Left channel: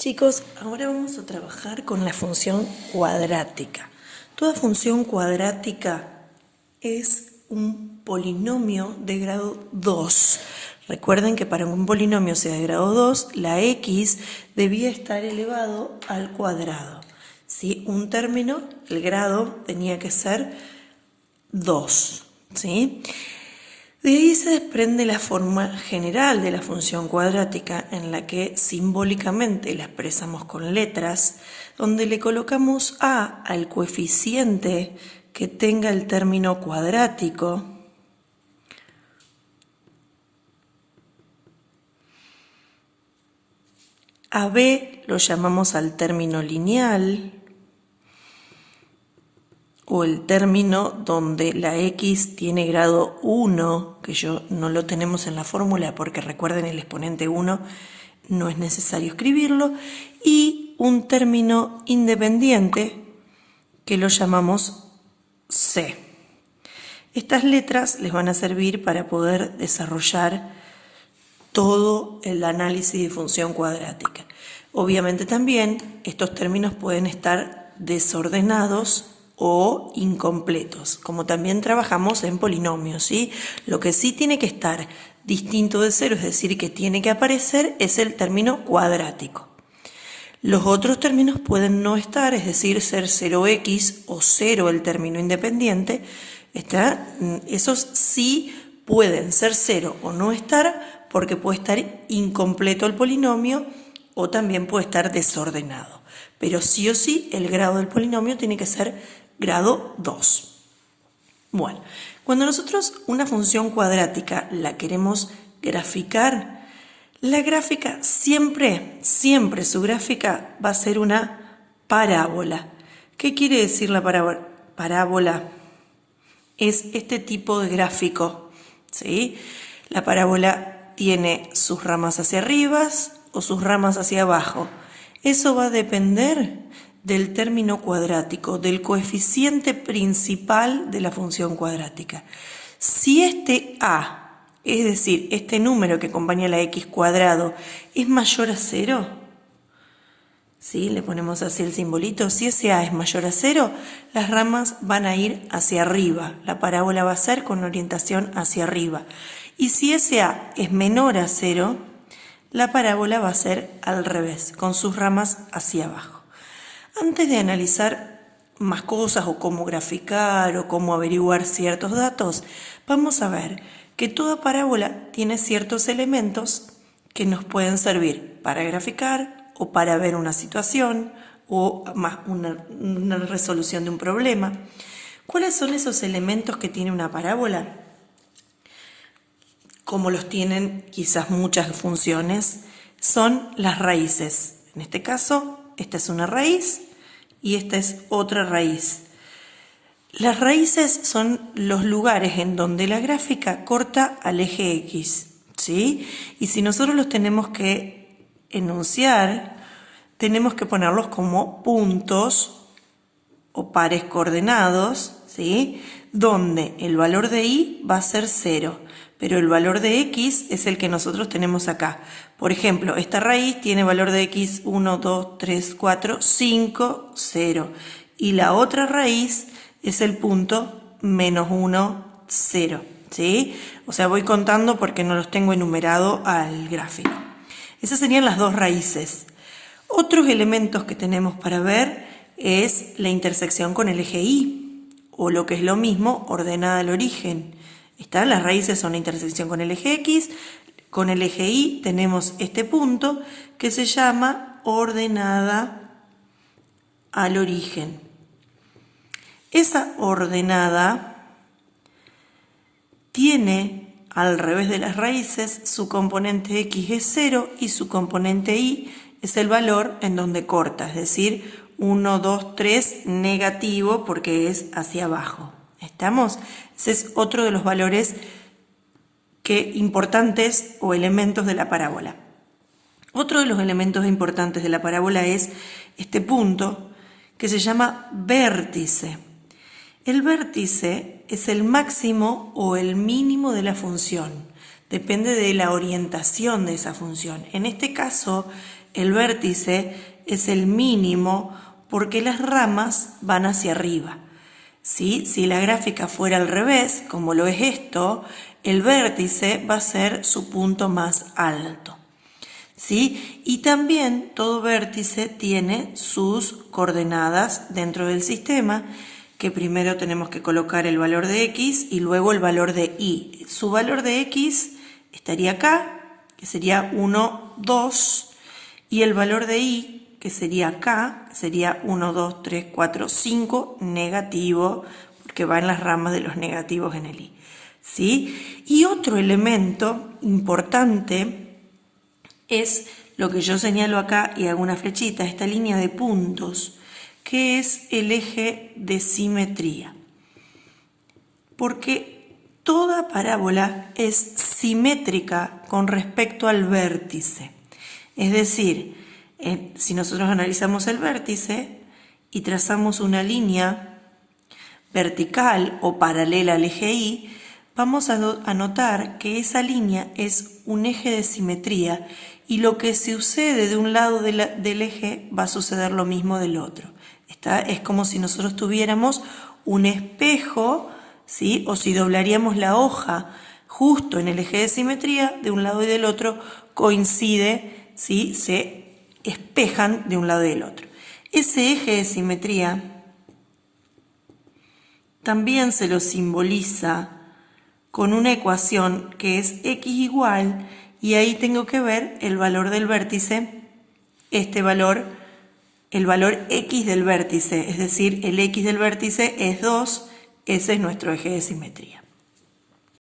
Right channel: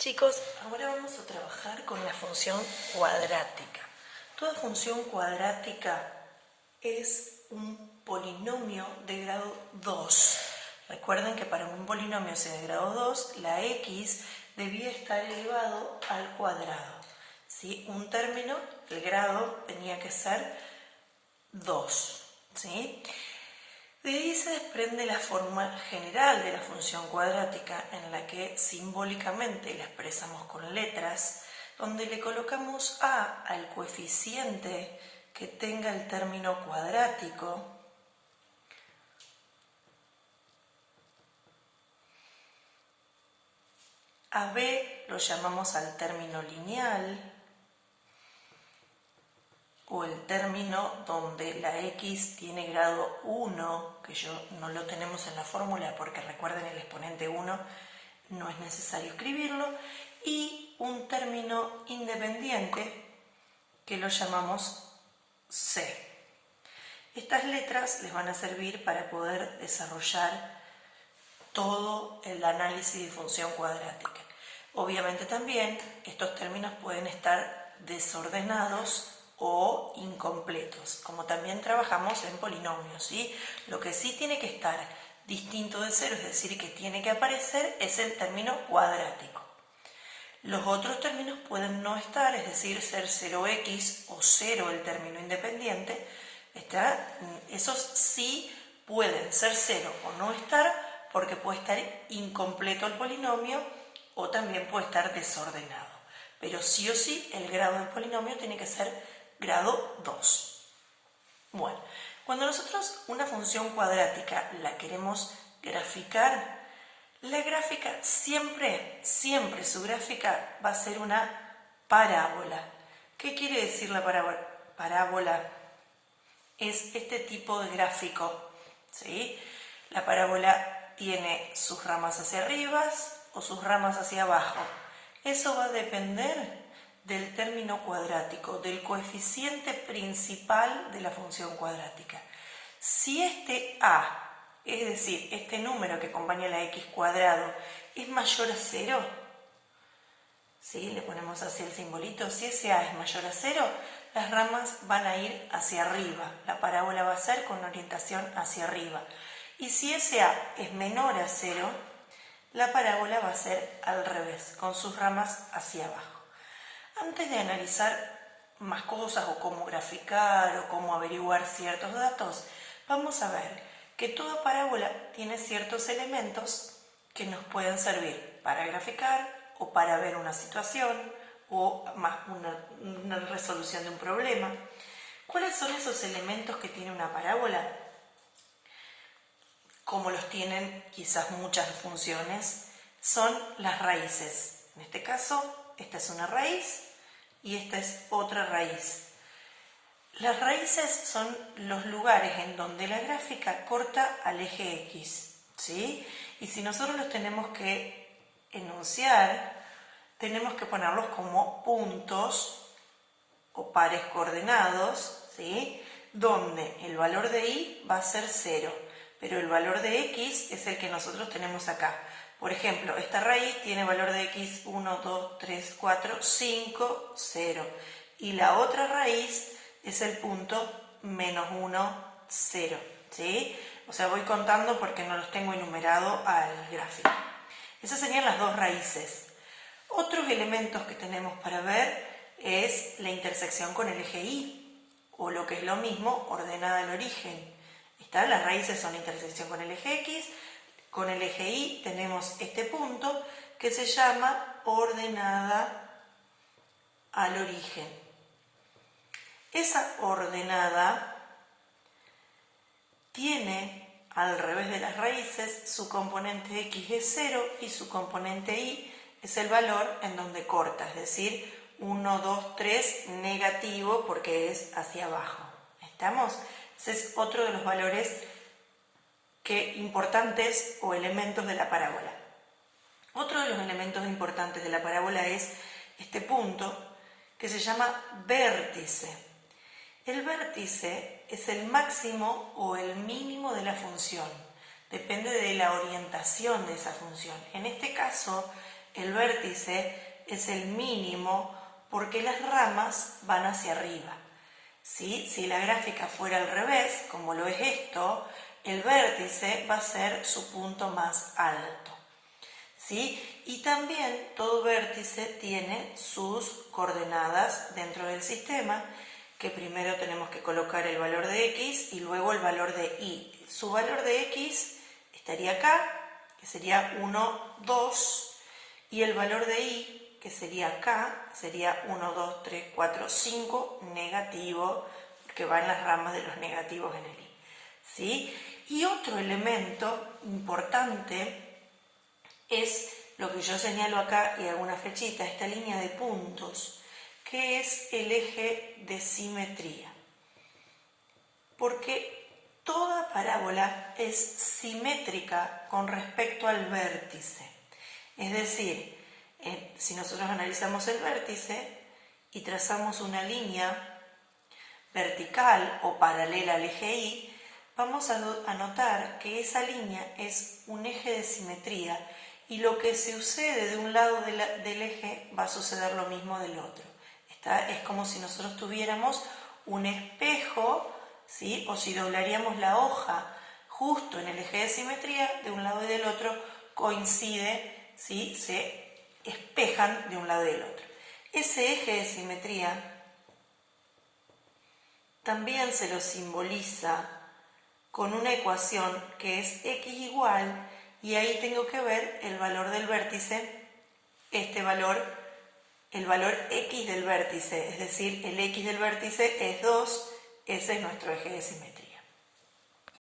Chicos, ahora vamos a trabajar con la función cuadrática. Toda función cuadrática es un polinomio de grado 2. Recuerden que para un polinomio sea de grado 2, la x debía estar elevado al cuadrado. ¿Sí? Un término, el grado tenía que ser 2. ¿Sí? De ahí se desprende la forma general de la función cuadrática, en la que simbólicamente la expresamos con letras, donde le colocamos a al coeficiente que tenga el término cuadrático, a b lo llamamos al término lineal, o el término donde la x tiene grado 1, que yo no lo tenemos en la fórmula porque recuerden el exponente 1 no es necesario escribirlo, y un término independiente que lo llamamos c. Estas letras les van a servir para poder desarrollar todo el análisis de función cuadrática. Obviamente también estos términos pueden estar desordenados o incompletos, como también trabajamos en polinomios, ¿sí? Lo que sí tiene que estar distinto de cero, es decir, que tiene que aparecer, es el término cuadrático. Los otros términos pueden no estar, es decir, ser 0x o 0 el término independiente. Esos sí pueden ser 0 o no estar, porque puede estar incompleto el polinomio o también puede estar desordenado. Pero sí o sí el grado del polinomio tiene que ser grado 2. Bueno, cuando nosotros una función cuadrática la queremos graficar, la gráfica siempre su gráfica va a ser una parábola. ¿Qué quiere decir la parábola? Es este tipo de gráfico, ¿sí? La parábola tiene sus ramas hacia arriba o sus ramas hacia abajo. Eso va a depender del término cuadrático, del coeficiente principal de la función cuadrática. Si este a, es decir, este número que acompaña a la x cuadrado, es mayor a 0, ¿sí? Le ponemos así el simbolito. Si ese a es mayor a 0, las ramas van a ir hacia arriba. La parábola va a ser con orientación hacia arriba. Y si ese a es menor a 0, la parábola va a ser al revés, con sus ramas hacia abajo. Antes de analizar más cosas o cómo graficar o cómo averiguar ciertos datos, vamos a ver que toda parábola tiene ciertos elementos que nos pueden servir para graficar o para ver una situación o más una resolución de un problema. ¿Cuáles son esos elementos que tiene una parábola? Como los tienen quizás muchas funciones, son las raíces. En este caso, esta es una raíz y esta es otra raíz. Las raíces son los lugares en donde la gráfica corta al eje X, ¿sí? Y si nosotros los tenemos que enunciar, tenemos que ponerlos como puntos o pares coordenados, ¿sí? Donde el valor de y va a ser 0, pero el valor de x es el que nosotros tenemos acá. Por ejemplo, esta raíz tiene valor de x 1, 2, 3, 4, 5, 0. Y la otra raíz es el punto menos 1, 0. ¿Sí? O sea, voy contando porque no los tengo enumerado al gráfico. Esas serían las dos raíces. Otros elementos que tenemos para ver es la intersección con el eje y, o lo que es lo mismo, ordenada al origen. Las raíces son la intersección con el eje X, con el eje Y tenemos este punto que se llama ordenada al origen. Esa ordenada tiene al revés de las raíces, su componente X es 0 y su componente Y es el valor en donde corta, es decir, 1, 2, 3 negativo porque es hacia abajo. ¿Estamos? Ese es otro de los valores importantes o elementos de la parábola. Otro de los elementos importantes de la parábola es este punto que se llama vértice. El vértice es el máximo o el mínimo de la función. Depende de la orientación de esa función. En este caso, el vértice es el mínimo porque las ramas van hacia arriba. ¿Sí? Si la gráfica fuera al revés, como lo es esto, el vértice va a ser su punto más alto. ¿Sí? Y también todo vértice tiene sus coordenadas dentro del sistema, que primero tenemos que colocar el valor de x y luego el valor de y. Su valor de x estaría acá, que sería 1, 2, y el valor de y, que sería acá, sería 1, 2, 3, 4, 5, negativo, porque va en las ramas de los negativos en el y. ¿Sí? Y otro elemento importante es lo que yo señalo acá y hago una flechita, esta línea de puntos, que es el eje de simetría. Porque toda parábola es simétrica con respecto al vértice. Es decir, si nosotros analizamos el vértice y trazamos una línea vertical o paralela al eje Y, vamos a notar que esa línea es un eje de simetría y lo que sucede de un lado del eje va a suceder lo mismo del otro. Es como si nosotros tuviéramos un espejo, ¿sí? O si doblaríamos la hoja justo en el eje de simetría, de un lado y del otro coincide, ¿sí? Se espejan de un lado y del otro. Ese eje de simetría también se lo simboliza con una ecuación que es x igual, y ahí tengo que ver el valor del vértice, este valor, el valor x del vértice, es decir, el x del vértice es 2, ese es nuestro eje de simetría.